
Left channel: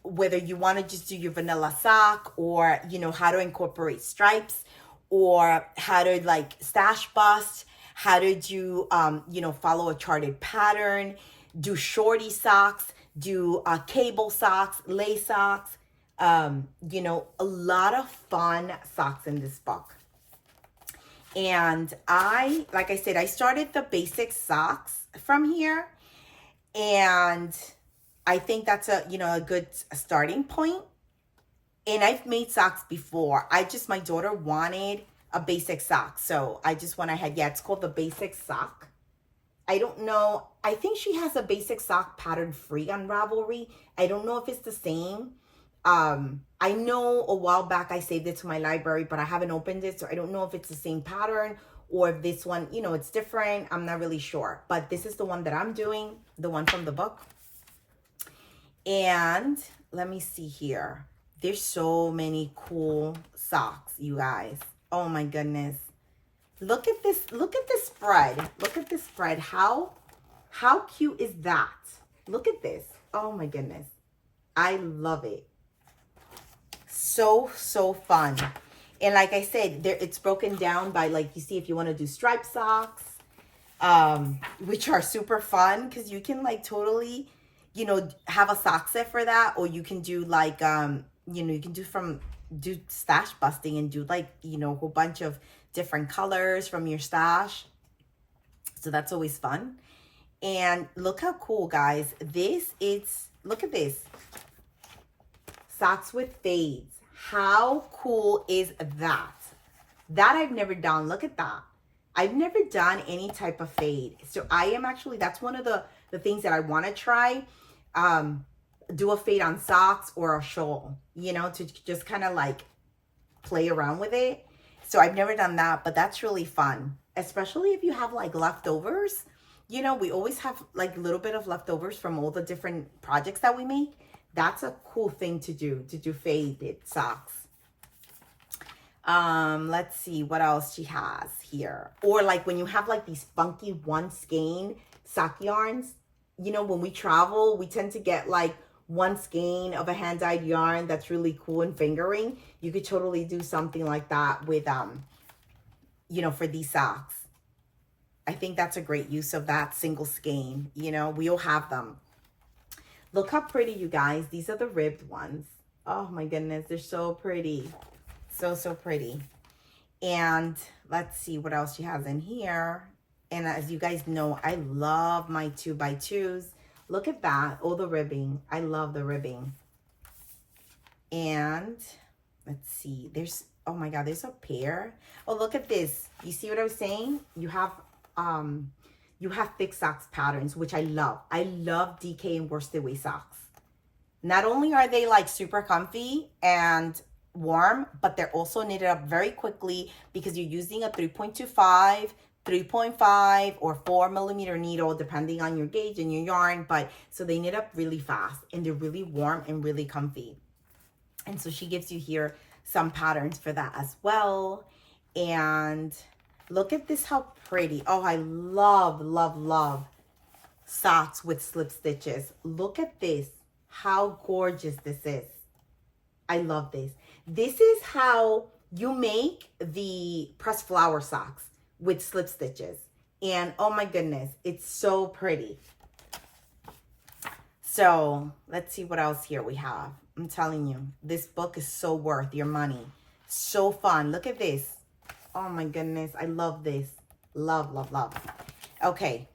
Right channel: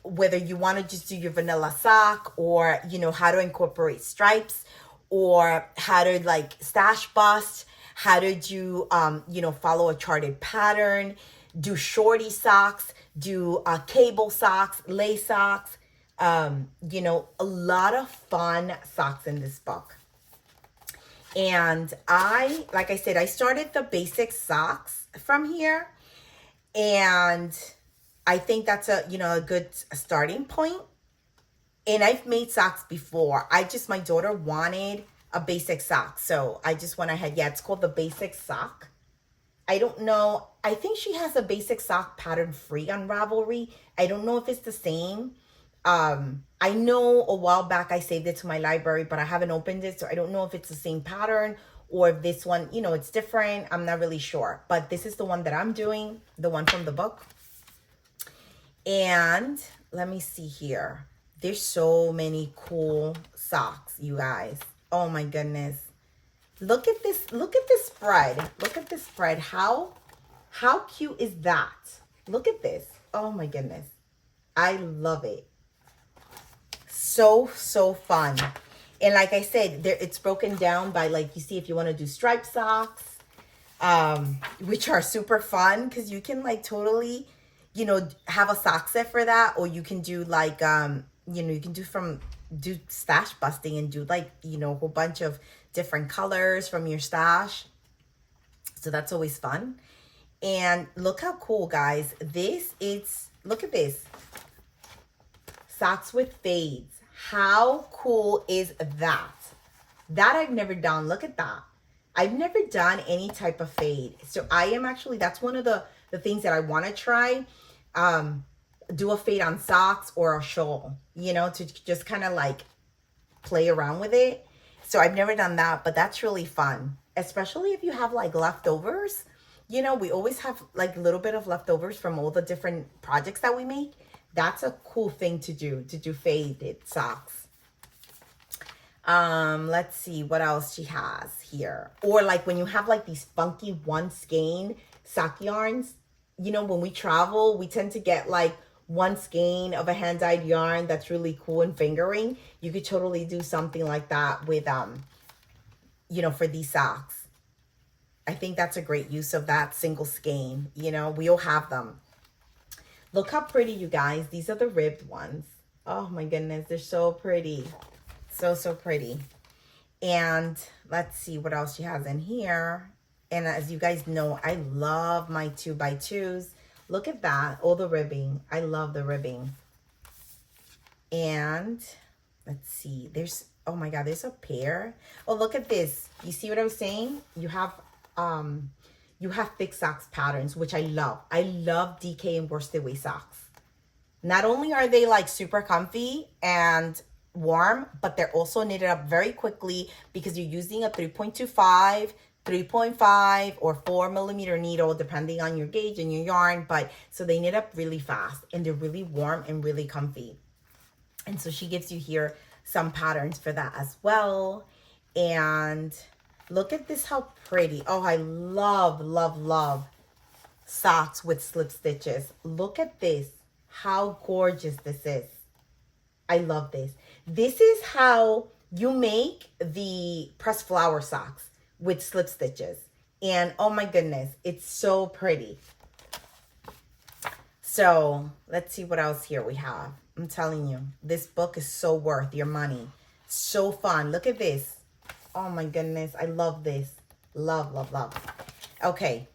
whether you want to just do your vanilla sock, or, you know, how to incorporate stripes, or how to like stash bust, how to do, you know, follow a charted pattern, do shorty socks, do cable socks, lace socks, you know, a lot of fun socks in this book. And like I said, I started the basic socks from here, and I think that's a good starting point. And I've made socks before. My daughter wanted a basic sock, so I just went ahead. Yeah, it's called the basic sock. I don't know. I think she has a basic sock pattern free on Ravelry. I don't know if it's the same. I know a while back I saved it to my library, but I haven't opened it, so I don't know if it's the same pattern or if this one, you know, it's different. I'm not really sure, but this is the one that I'm doing, the one from the book. And let me see here. There's so many cool socks, you guys. Oh my goodness. Look at this. Look at this spread. Look at this spread. How cute is that? Look at this. Oh my goodness. I love it. So fun. And like I said, there it's broken down by, like, you see, if you want to do striped socks, which are super fun because you can like totally, you know, have a sock set for that, or you can do like, you know, you can do stash busting and do like, you know, a whole bunch of different colors from your stash. So that's always fun. And look how cool, guys. Look at this. Socks with fades. How cool is that? That I've never done. Look at that. I've never done any type of fade. So I am actually, that's one of the things that I want to try. Do a fade on socks or a shawl, you know, to just kind of like play around with it. So I've never done that, but that's really fun, especially if you have like leftovers. You know, we always have like a little bit of leftovers from all the different projects that we make. That's a cool thing to do faded socks. Let's see what else she has here. Or like when you have like these funky one skein sock yarns, you know, when we travel, we tend to get like one skein of a hand-dyed yarn that's really cool and fingering. You could totally do something like that with, you know, for these socks. I think that's a great use of that single skein. You know, we all have them. Look how pretty, you guys. These are the ribbed ones. Oh my goodness, they're so pretty. So pretty. And let's see what else she has in here. And as you guys know, I love my 2x2s. Look at that, all the ribbing. I love the ribbing. And let's see, oh my God, there's a pair. Oh, look at this. You see what I was saying? You have thick socks patterns, which I love. I love DK and worsted weight socks. Not only are they like super comfy and warm, but they're also knitted up very quickly because you're using a 3.25, 3.5, or 4mm needle, depending on your gauge and your yarn. But so they knit up really fast and they're really warm and really comfy. And so she gives you here some patterns for that as well. And look at this, how pretty. Oh, I love socks with slip stitches. Look at this, how gorgeous this is. I love this. This is how you make the pressed flower socks with slip stitches. And oh my goodness, it's so pretty. So let's see what else here we have. I'm telling you, this book is so worth your money. So fun. Look at this. Oh my goodness, I love this. Love. Okay,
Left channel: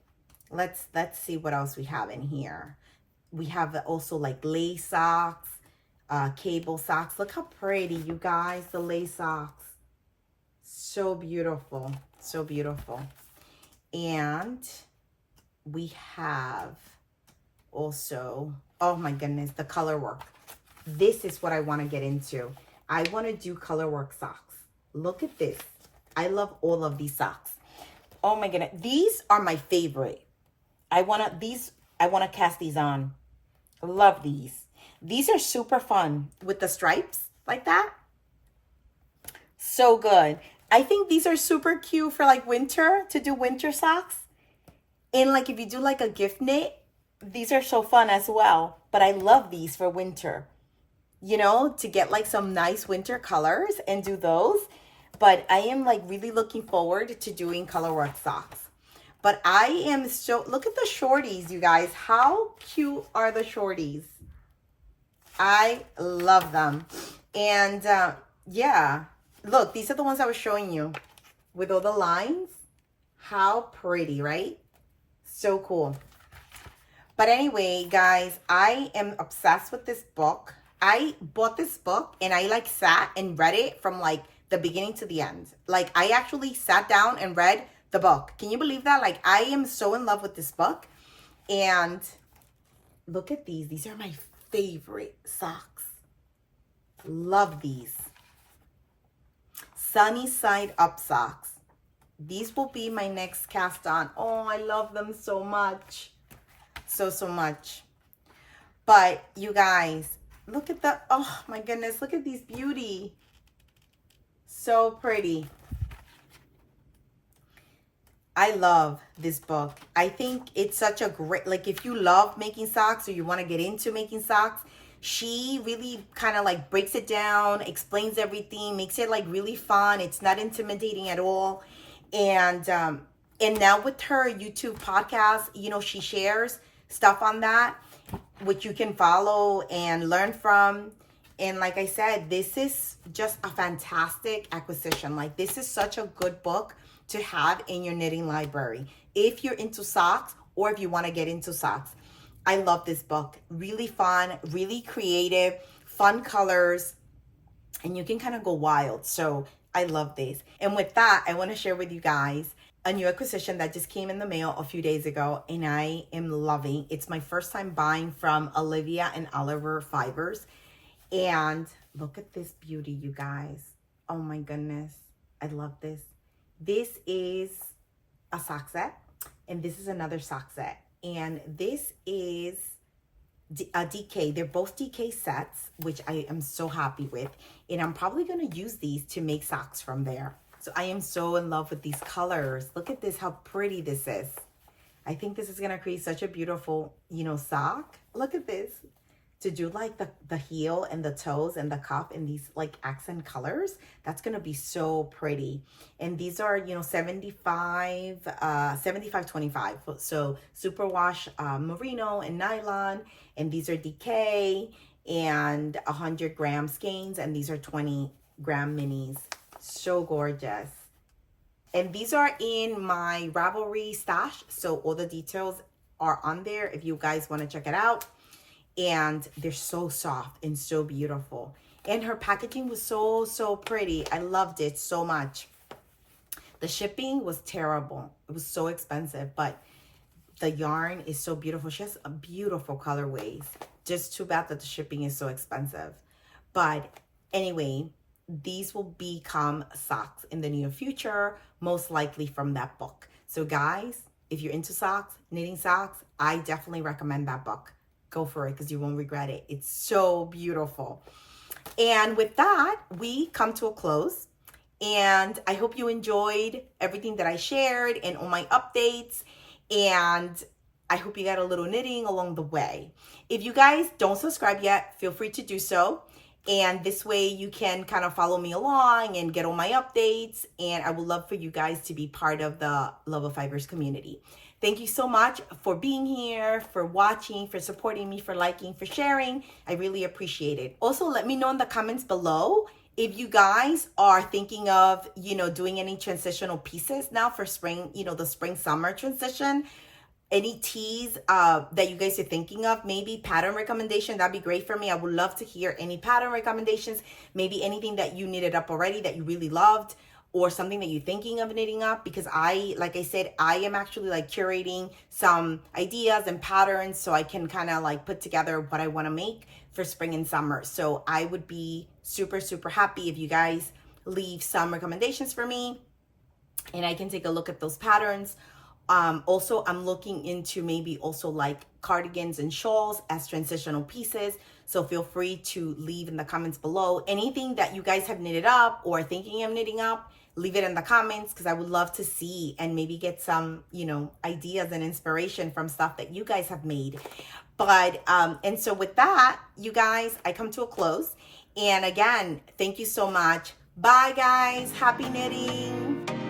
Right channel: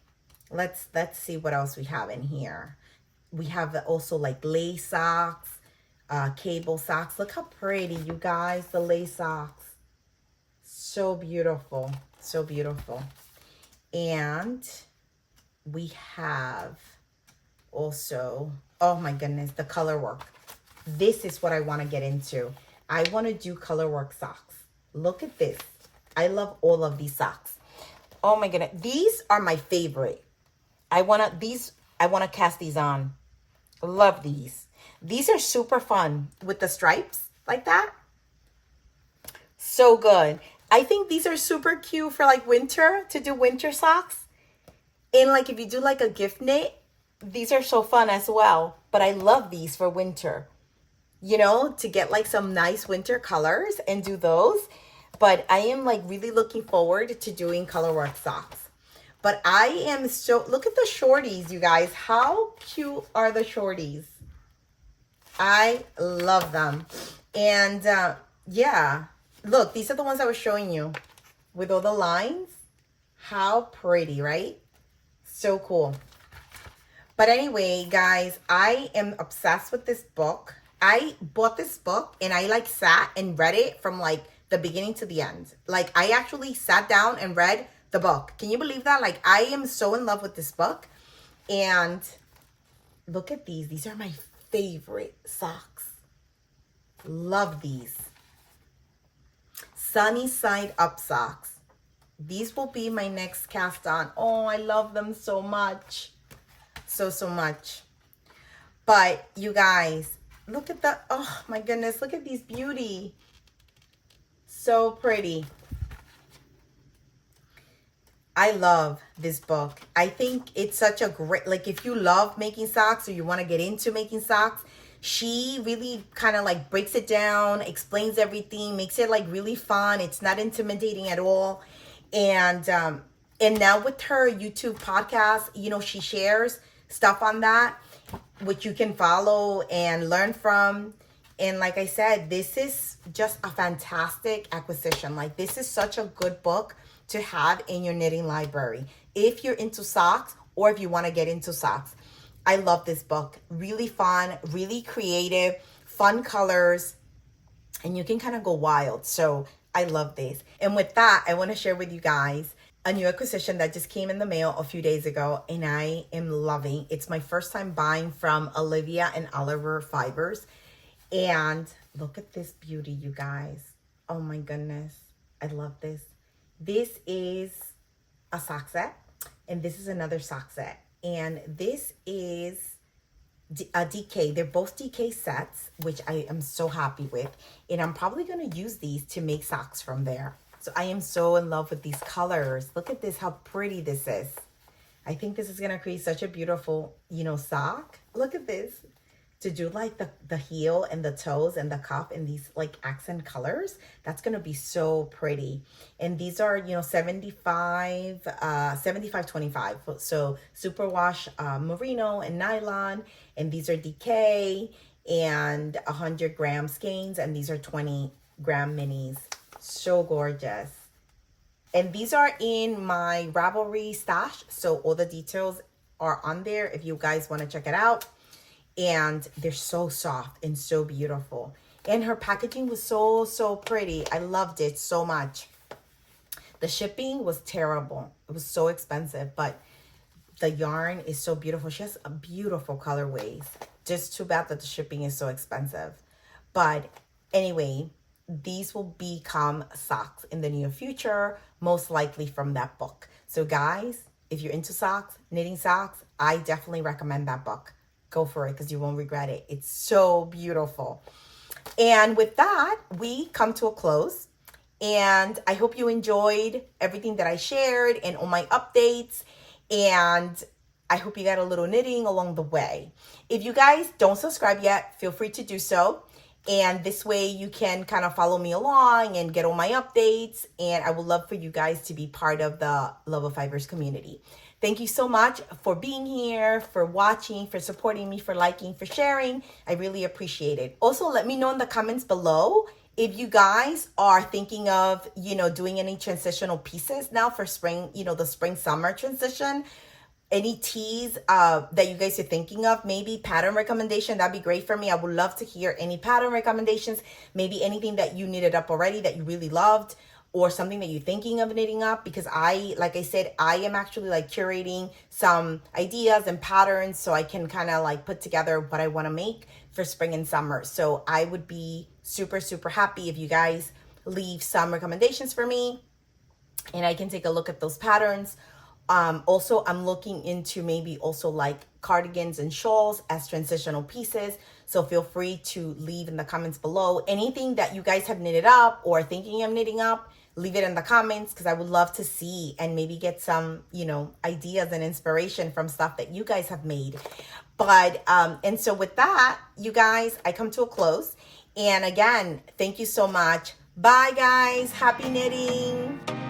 let's see what else we have in here. We have also like lace socks, cable socks. Look how pretty, you guys, the lace socks. So beautiful, so beautiful. And we have also, oh my goodness, the color work. This is what I want to get into. I want to do color work socks. Look at this. I love all of these socks. Oh my goodness. These are my favorite. I want to cast these on. Love these. These are super fun with the stripes like that. So good. I think these are super cute for like winter, to do winter socks. And like if you do like a gift knit, these are so fun as well. But I love these for winter, you know, to get like some nice winter colors and do those. But I am like really looking forward to doing color work socks. But I am so, look at the shorties, you guys. How cute are the shorties? I love them. And yeah, look, these are the ones I was showing you with all the lines. How pretty, right? So cool. But anyway, guys, I am obsessed with this book. I bought this book and I like sat and read it from like the beginning to the end. Like I actually sat down and read the book. Can you believe that? Like, I am so in love with this book. And look at these. These are my favorite socks. Love these. Sunny side up socks. These will be my next cast on. Oh, I love them so much. So much. But you guys, look at the, oh my goodness, look at these beauty. So pretty. I love this book. I think it's such a great, like if you love making socks or you want to get into making socks, she really kind of like breaks it down, explains everything, makes it like really fun. It's not intimidating at all. And now with her YouTube podcast, you know, she shares stuff on that, which you can follow and learn from. And like I said, this is just a fantastic acquisition. Like, this is such a good book to have in your knitting library if you're into socks or if you want to get into socks. I love this book. Really fun, really creative, fun colors, and you can kind of go wild. So I love this. And with that, I want to share with you guys a new acquisition that just came in the mail a few days ago, and I am loving. It's my first time buying from Olivia and Oliver Fibers. And look at this beauty, you guys. Oh my goodness. I love this. This is a sock set, and this is another sock set. And this is a DK. They're both DK sets, which I am so happy with. And I'm probably going to use these to make socks from there. So I am so in love with these colors. Look at this, how pretty this is. I think this is going to create such a beautiful, you know, sock. Look at this. To do like the heel and the toes and the cuff in these like accent colors, that's going to be so pretty. And these are, you know, 75 25. So superwash merino and nylon, and these are DK, and 100-gram skeins, and these are 20-gram minis. So gorgeous. And these are in my Ravelry stash, so all the details are on there if you guys want to check it out. And they're so soft and so beautiful. And her packaging was so pretty. I loved it so much. The shipping was terrible. It was so expensive, but the yarn is so beautiful. She has a beautiful colorways. Just too bad that the shipping is so expensive. But anyway, these will become socks in the near future, most likely from that book. So guys, if you're into socks, knitting socks, I definitely recommend that book. Go for it because you won't regret it. It's so beautiful. And with that, we come to a close. And I hope you enjoyed everything that I shared and all my updates. And I hope you got a little knitting along the way. If you guys don't subscribe yet, feel free to do so. And this way you can kind of follow me along and get all my updates. And I would love for you guys to be part of the Love of Fibers community. Thank you so much for being here, for watching, for supporting me, for liking, for sharing. I really appreciate it. Also, let me know in the comments below if you guys are thinking of, you know, doing any transitional pieces now for spring, you know, the spring-summer transition. Any teas that you guys are thinking of, maybe pattern recommendation, that'd be great for me. I would love to hear any pattern recommendations, maybe anything that you knitted up already that you really loved, or something that you're thinking of knitting up, because like I said, I am actually like curating some ideas and patterns so I can kind of like put together what I want to make for spring and summer. So I would be super happy if you guys leave some recommendations for me and I can take a look at those patterns. Also, I'm looking into maybe also like cardigans and shawls as transitional pieces. So feel free to leave in the comments below anything that you guys have knitted up or thinking of knitting up. Leave it in the comments because I would love to see and maybe get some, you know, ideas and inspiration from stuff that you guys have made. But, and so with that, you guys, I come to a close. And again, thank you so much. Bye, guys. Happy knitting.